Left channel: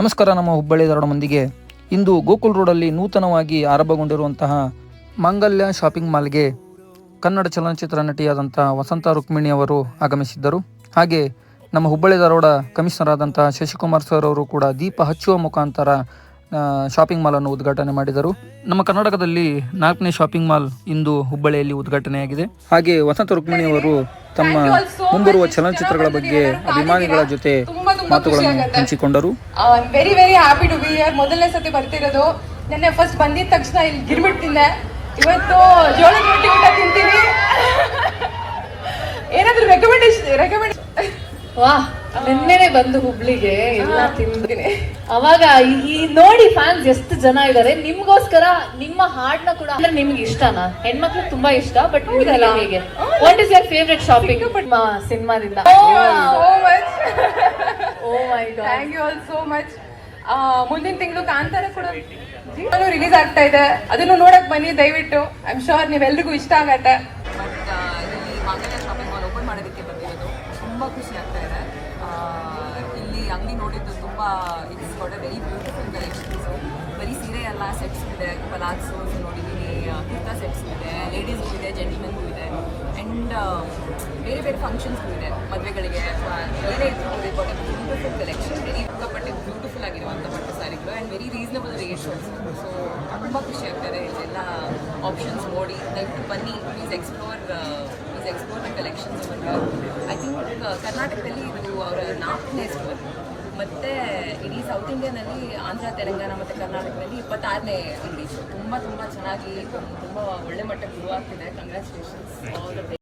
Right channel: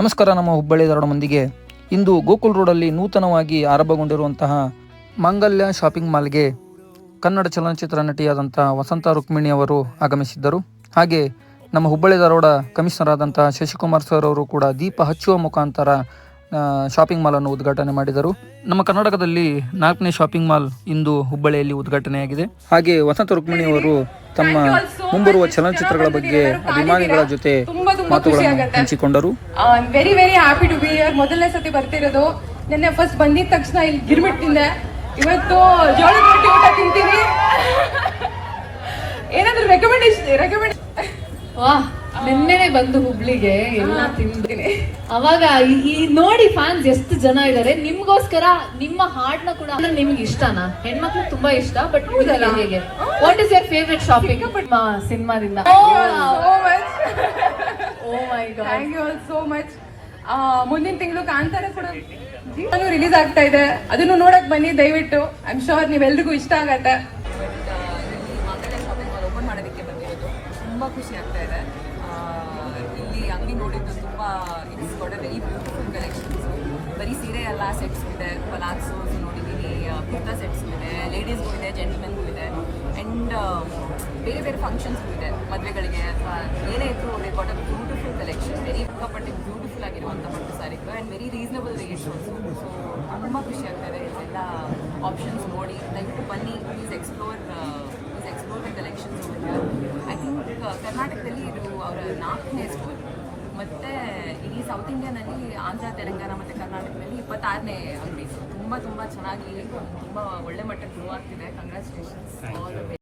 ನಮಸ್ಕಾರ, ನಮ್ಮ ಹುಬ್ಬಳ್ಳಿ ಧಾರವಾಡ ಮಂದಿಗೆ. ಇಂದು ಗೋಕುಲ್ ರೋಡಲ್ಲಿ ನೂತನವಾಗಿ ಆರಂಭಗೊಂಡಿರುವಂತಹ ಮಾಂಗಲ್ಯ ಶಾಪಿಂಗ್ ಮಾಲ್ಗೆ ಕನ್ನಡ ಚಲನಚಿತ್ರ ನಟಿಯಾದಂಥ ವಸಂತ ರುಕ್ಮಿಣಿ ಅವರು ಆಗಮಿಸಿದ್ದರು. ಹಾಗೆ ನಮ್ಮ ಹುಬ್ಬಳ್ಳಿ ಧಾರವಾಡ ಕಮಿಷನರ್ ಆದಂತಹ ಶಶಿಕುಮಾರ್ ಸರ್ ಅವರು ಕೂಡ ದೀಪ ಹಚ್ಚುವ ಮುಖಾಂತರ ಶಾಪಿಂಗ್ ಮಾಲನ್ನು ಉದ್ಘಾಟನೆ ಮಾಡಿದರು. ನಮ್ಮ ಕರ್ನಾಟಕದಲ್ಲಿ ನಾಲ್ಕನೇ ಶಾಪಿಂಗ್ ಮಾಲ್ ಇಂದು ಹುಬ್ಬಳ್ಳಿಯಲ್ಲಿ ಉದ್ಘಾಟನೆಯಾಗಿದೆ. ಹಾಗೆ ವಸಂತ ರುಕ್ಮಿಣಿ ಅವರು ತಮ್ಮ ಮುಂಬರುವ ಚಲನಚಿತ್ರಗಳ ಬಗ್ಗೆ ಅಭಿಮಾನಿಗಳ ಜೊತೆ ಮಾತುಗಳನ್ನು ಹಂಚಿಕೊಂಡರು. Very very happy to be here ಮೊದಲನೇ ಸತಿ ಬರ್ತಿರೋದು. ನಿನ್ನೆ ಫಸ್ಟ್ ಬಂದಿದ ತಕ್ಷಣ ಇಲ್ಲಿ ಗಿರ್ಮಿಟ್ ತಿಂದೆ. ಇವತ್ತು ಜೋಳದ ರೊಟ್ಟಿ ಊಟ ತಿಂತೀನಿ. ಏನಾದ್ರೂ ರೆಕಮೆಂಡೇಶನ್ ರೆಕಮೆಂಡ್ ವಾ ನಿನ್ನೆನೆ ಬಂದು ಹುಬ್ಳಿಗೆ ಎಲ್ಲ ತಿಂತೀನಿ. ಅವಾಗ ಈ- ನೋಡಿ ಫ್ಯಾನ್ಸ್ ಎಷ್ಟು ಜನ ಇದ್ದಾರೆ ನಿಮ್ಗೋಸ್ಕರ ನಿಮ್ಮ ಹಾಡ್ನ ಕೂಡ ಅಂದ್ರೆ ನಿಮ್ಗೆ ಇಷ್ಟನಾ? ಹೆಣ್ಮಕ್ಳು ತುಂಬಾ ಇಷ್ಟ ಬಟ್? ಹೇಗೆ? What is your favourite shopping ಸಿನಿಮಾದಿಂದ. Much oh my god thank you all so much ಮುಂದಿನ ತಿಂಗಳು ಕಾಂತಾರ ಕೂಡ ರಿಲೀಸ್ ಆಗ್ತಾ ಇದೆ. ಅದನ್ನು ನೋಡಕ್ ಬನ್ನಿ ದಯವಿಟ್ಟು. ಐ ಆಮ್ ಶೋರ್ ನೀವೆಲ್ರಿಗೂ ಇಷ್ಟ ಆಗತ್ತೆ. ಬಟ್ ಇಲ್ಲಿ ಮಾಂಗಲ್ಯ ಶಾಪಿಂಗ್ ಮಾಲ್ ಓಪನ್ ಮಾಡೋದಕ್ಕೆ ಬಂದಿರೋದು ತುಂಬ ಖುಷಿ ಆಗ್ತಾ ಇದೆ. ಇಲ್ಲಿ ಅಂಗಡಿ ನೋಡಿದ್ದು ತುಂಬ it's got a very beautiful collections ಬರೀ ಸೀರೆ ಎಲ್ಲ ಸೆಟ್ಸ್ ಇದೆ ಪಲಾಕ್ಸು ನೋಡಿದ್ದೀನಿ ಕುರ್ತಾ ಸೆಟ್ಸ್ ಇದೆ ಲೇಡೀಸ್ಗೂ ಇದೆ ಜೆಂಟ್ಮೆನ್ಗೂ ಇದೆ. ಆ್ಯಂಡ್ ಬೇರೆ ಬೇರೆ ಫಂಕ್ಷನ್ಸ್ ಇದೆ. ಮದುವೆಗಳಿಗೆ ಏನೇ ಇದ್ರು ಇಂಪಾರ್ಟೆಂಟ್ ಬ್ಯೂಟಿಫುಲ್ ಕಲೆಕ್ಷನ್ ವೆರಿ ಸಿಕ್ಕಾಪಟ್ಟೆ ಬ್ಯೂಟಿಫುಲ್ ಆಗಿರುವಂಥ ಪಟ್ಟು ಸಾರಿಗಳು and very reasonable rates also so ತುಂಬ ಖುಷಿ ಆಗ್ತದೆ ಇಲ್ಲೆಲ್ಲ ಆಪ್ಷನ್ಸ್ ನೋಡಿ. ದಯವಿಟ್ಟು ಬನ್ನಿ. Please explore please explore the collections ಬಂದು ಐ ಥಿಂಕ್ ಕರ್ನಾಟಕದಲ್ಲಿ ಇದು ಅವರ ನಾಲ್ಕನೇ ಸ್ಟೋರ್ ಮತ್ತು ಇಡೀ ಸೌತ್ ಇಂಡಿಯಾನಲ್ಲಿ ಆಂಧ್ರ, ತೆಲಂಗಾಣ ಮತ್ತು ಕರ್ನಾಟಕದಲ್ಲಿ ಇಪ್ಪತ್ತಾರನೇ ಅಂಗಡಿ. ತುಂಬ ತುಂಬ ಚೆನ್ನಾಗಿ, ತುಂಬ ಒಳ್ಳೆ ಮಟ್ಟಕ್ಕೆ ಗ್ರೋ ಆಗ್ತಿದೆ. ಕಂಗ್ರ್ಯಾಚುಲೇಷನ್ಸ್